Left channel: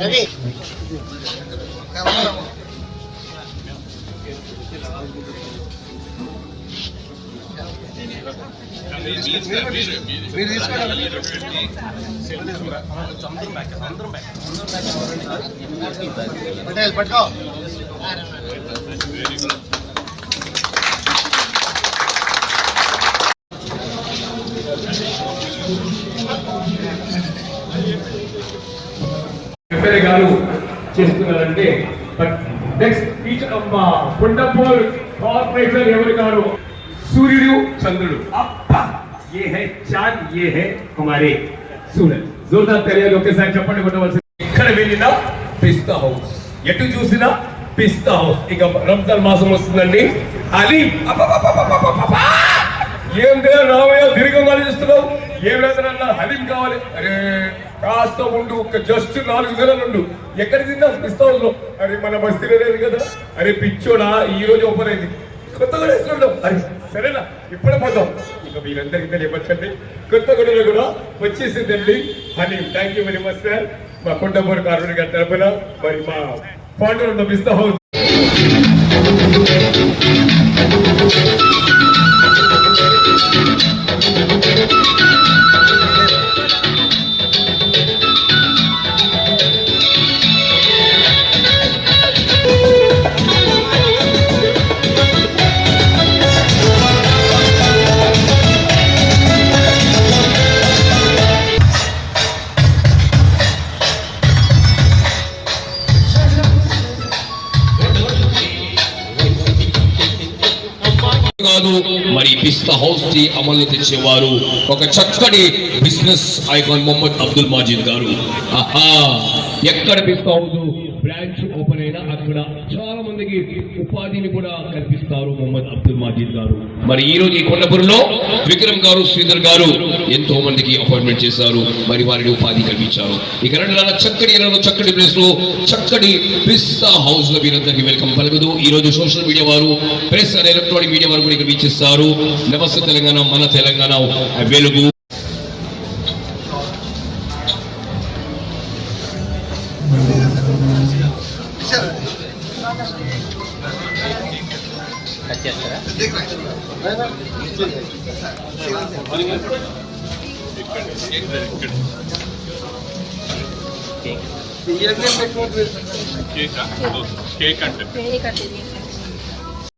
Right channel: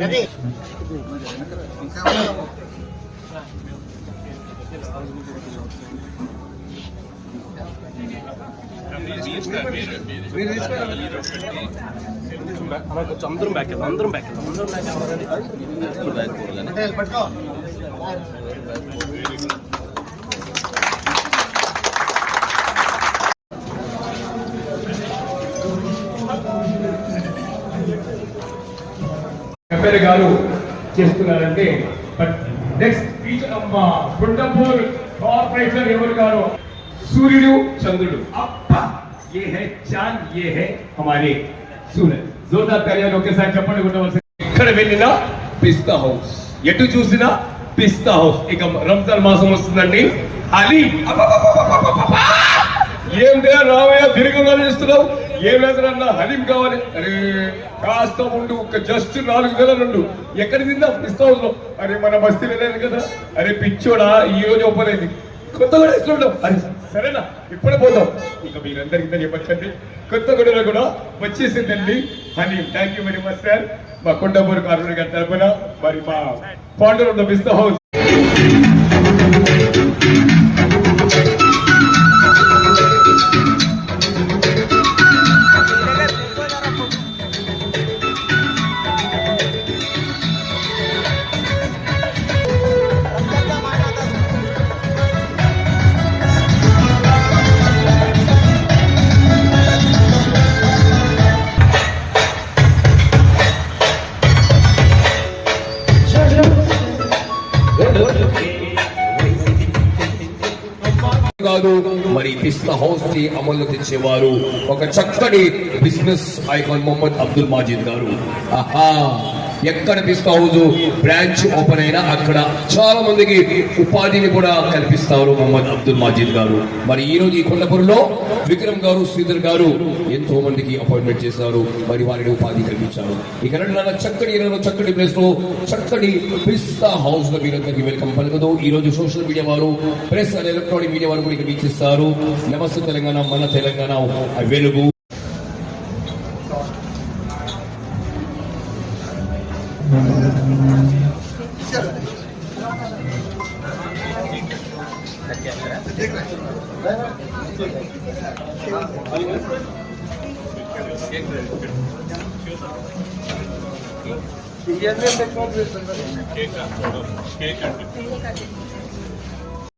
రవి మీరు తీసుకోండి. పటేల్ పట్టుకో. ఎమ్మెల్యే గారు చేస్తున్నారంటే నెక్స్ట్ ఫీచర్ అమ్మా కొండపూర్ కార్పొరేటర్ ఎవరు గారు సూర్యుడు చంద్రుడు అబ్బా ये है चांद ये है हमारे सूरज जोरदार तालियां ఒకేసారి చెప్పండి కొట్టవలసింది. ఎక్కడ వెళ్ళినా పిస్తా హౌస్, ఎటు చూసినా పిస్తా హౌస్. ఇక రంజాన్ మాసం వస్తుందండి. అది ఏం రావయ్య దీర్ఘంగా చేస్తున్నావు, ఏమేదన్నా హలీం కావాలి. అరే కాస్త ఉండు, జస్ట్ 4 నెలలు ఉండు. ఎక్కడ తిన్నా పిస్తా హౌస్ లో. అరే మన బస్తీలో లేదు కదా. అరే పిచ్చోడా ఈ రోజు ఒప్పలేదు, కొత్తగా వేస్తుంటాం. అరే సరేనా ఇప్పుడే పోదాం. ఇక మీరందరికీ తెలియపరచండి, కొత్తగూడలో కూడా వచ్చేసిందండి haleem. Thank you very much sir. మా కొండపూర్ కార్మిక గారి తరఫున మరి మా founder of the pista house కాదు మరి పిస్తా హౌస్ కి అమలు తెచ్చేవారు ఒక చక్కటి బిజినెస్ ఐకాన్ మొహమ్మద్ అబ్దుల్ మాజిద్ గారు. ఆహా ఎక్కడ పిస్తా హౌస్ బ్రాంచ్ ఓపెన్ అయినా అక్కడ చాలా మందికి ఉపాధిని కూడా కల్పిస్తారు మొహమ్మద్ అబ్దుల్ మాజిద్ గారు. మరి ఈ రోజు ఈ కొండపూర్లో విక్రమ్ గారు శ్రీధర్ గారు ఎంతో మందికి అపాయింట్మెంట్ చేశారు, మరి వారిని ఉపాధి కల్పించారు. ఇక రెండు చక్కటి ప్లేస్ లో చక్కటి పిస్తా హౌస్ లో మీరందరికీ వెల్కమ్ పలుకుతూ ఈ రోజు సోషల్ మీడియా వారు, ప్రెస్ అండ్ ఎలక్ట్రానిక్ మీడియా వారు కూడా ఇక్కడ వీక్షిస్తారు. నమస్తే తెలంగాణ, మన తెలంగాణ వెలుగు. కేక్ అంటే